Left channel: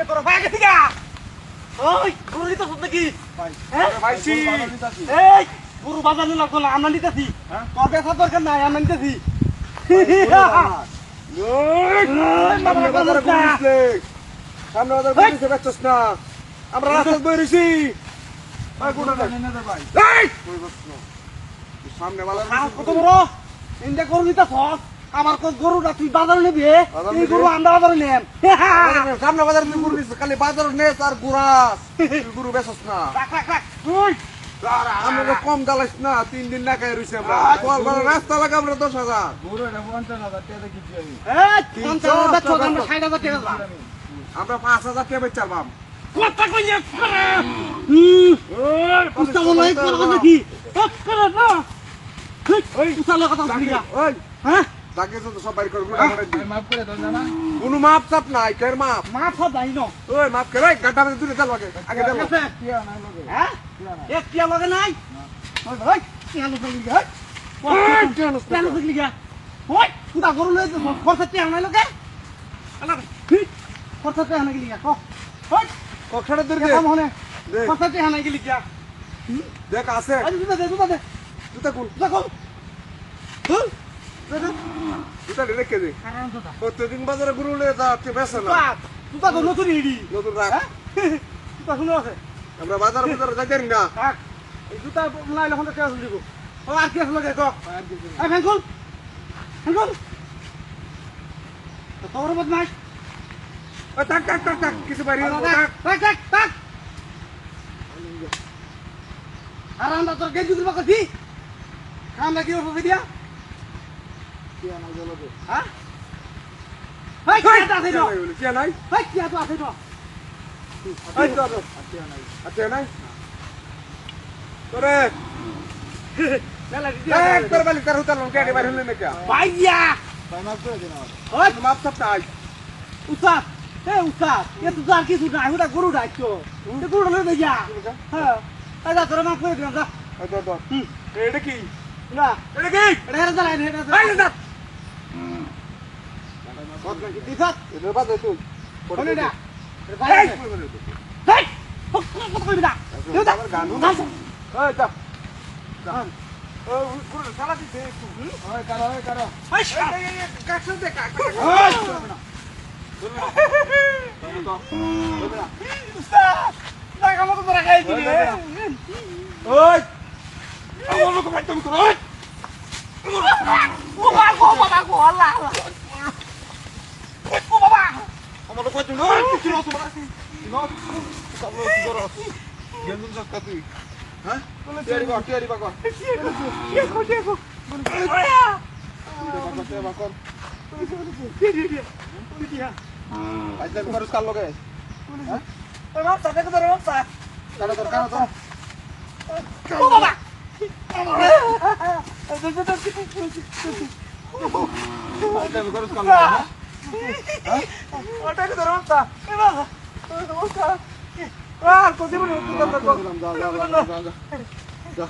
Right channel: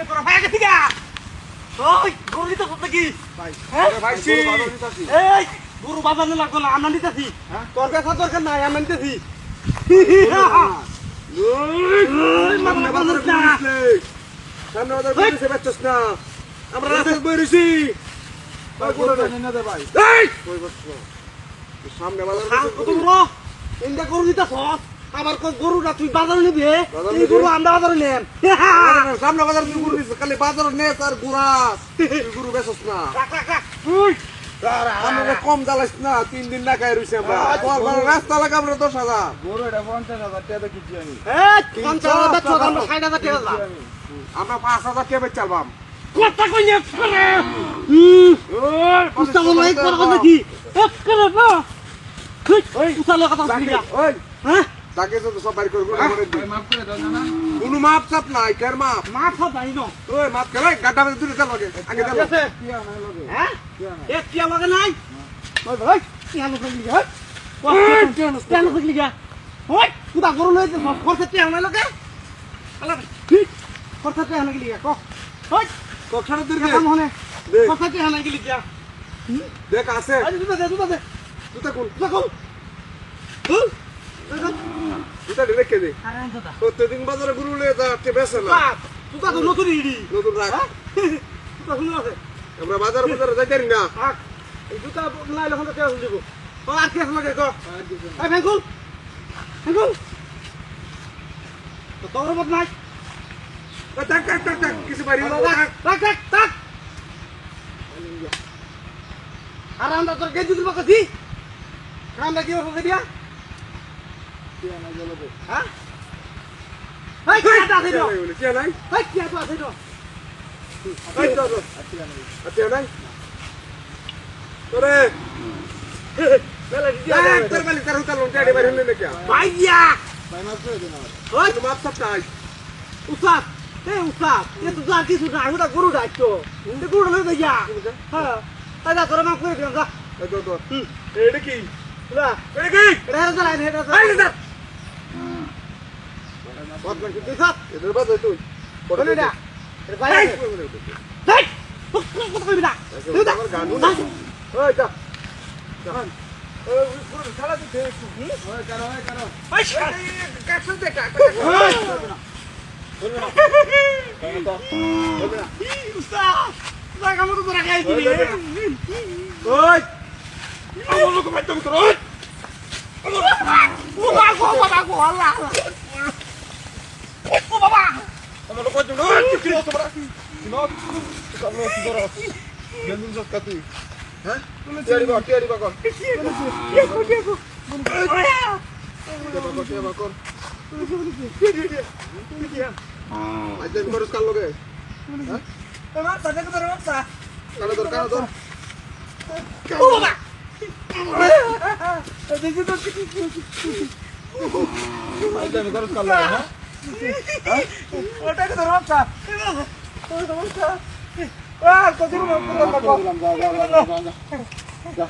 কে তোরা ভাই গেছি গা ওই গরু দিতে ফুট নাকি ভাই ভাইছি এই গরু বাজানো লাগবো না আমরা নিতেছি তোর ব্যবসা দরকার নাই আমরা নিতেছি সামনে বাজার বইছে বাচ্চাস না আমরা রাস্তায় বইছি সামনে বাজার কত বড় ইন্ডিয়া গরু দিতেছ আমার গরুটা তুই বাজারে নিবি এই গরু আমরা বাজারে নেন সামনে বাজার গরু দিছিস খালি বাজারে নে আর গুড়া গরু বেচছ না আমরা কম জ্বালাইস না 3 দিন না খাই রইছে আমরা রাস্তা লাগাম রে 10,000 গরু এটা 50,000 টাকা কিছি আমি 50,000 বেচছ আমরা 60,000 টাকা আমরা 5,000 টাকা বেচালবাম কথা কইলে করে ওই পুস্তালো নাই করব নাকি করে না ওই উচালো কথা বলি ওই হ্যাঁ তাকে তো সব বাইর করে গুড়া করে দিই মাফ করে দাও না কোনো মাপ চাপ নাই কের মাপ মাপ হবে নাই নো ওই মাপ করে গাটা মে দূরে চল আগে চল কিয়া নাই লাগে হ্যাঁ এক কিয়া লাগে নাই ওই ভাই কিয়া লাগে হ্যাঁ কিয়া লাগে যা ওই কুদা গরু লই খরচা কিয়া নাই লাগে আলা খরচা কিয়া নাই গিয়া কো ওই কখনো দূর কাম হনে খরচা কিয়া নাই গিয়া দেখ আছে আরে দুটা দে দুটা কোন দুটা রেখে দে প্রত্যেকদিন বাজারে গরু নিয়ে যা বেছে না দুটা তো নতুন ইডি নতুন রাখ দুটা শুনো আছে আমরা বাজারে যাই না থাক এই দুটা নাইলে হতে কে দিব ও আর কি লাগে কো এই ফেঙ্কুল তোর বদ নাই টাক কিছু বাইরে টাক আর আমরা তোর গেজু দিব কাছি আমরা কি হবে দিয়া কিয়া না জ্বলবে হ্যাঁ হাই কিয়া আছে তো কিয়া নাই হাই কিয়া তো আছে তো হাই তো আছে নাই তোরে মেলা দিয়া একবার বালি কার হইতাল কেডে বাইরে হইলে না কিয়া ভাইয়া ভাই মাছ করে দেনা ওই মাপ সব নাই উসাত উসাত এ তো জান কিছু না ওটা গরু ডাকতো ওটা গরু লই দেয়া হ্যাঁ আজা তোরা মাপ করে দিও যা তো এটা কি না এটা কি এটা চালাই নি এটা ভাই না কত কি দিছ এদের বাদ তুই পড়ে না ভাই হেই কত কইবি না তুই তো গান ওই যা ওই পুরো সালা দিতে একটু ওই কারা ওই কাছে দে কাছে উস্তাদ লাগা মতো তোরা খাই দিবি ওই আমার লোক বাইতে তোর ওই ও বাবা আল্লাহ ও বাবা আমার লোক বাইতে ওই কি লো তোমরা নো কালো কি করো জমিন সব কাটি হ্যাঁ টিয়ারি বাবা দেখো বাবা আজ আমি খরচ কার লগে হ্যাঁ ওরা তাকে তো রোতা কানো দরকার তো ও বাবা আজ আমি খরচ কার লগে হ্যাঁ ওটাকে তো রোতা এ বাবা ও সমস্যা আর কোসি মনে করতে লাগো যা